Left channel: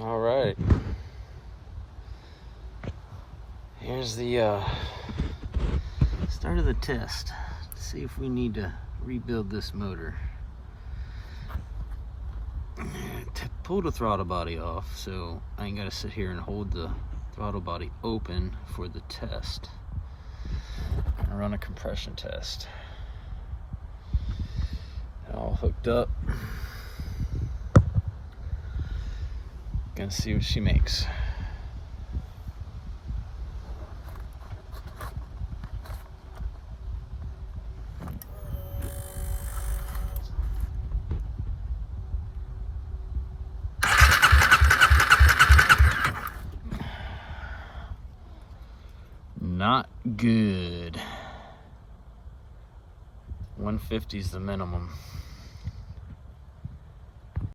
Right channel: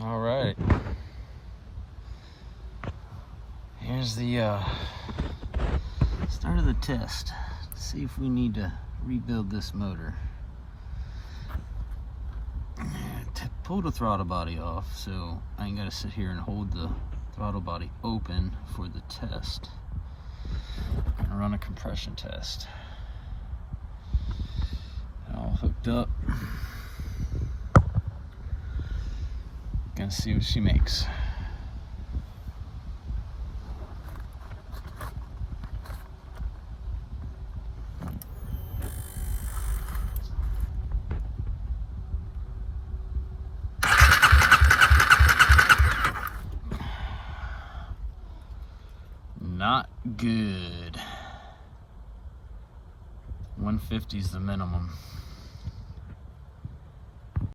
All right. Here's the start of the test. Let's see if we need to rebuild this motor. Pull the throttle body off, so I ain't gotta sit here and hold the throttle body open for the test. And run a compression test. All hooked up. Gonna see what she makes. Not good. 150 is the minimum.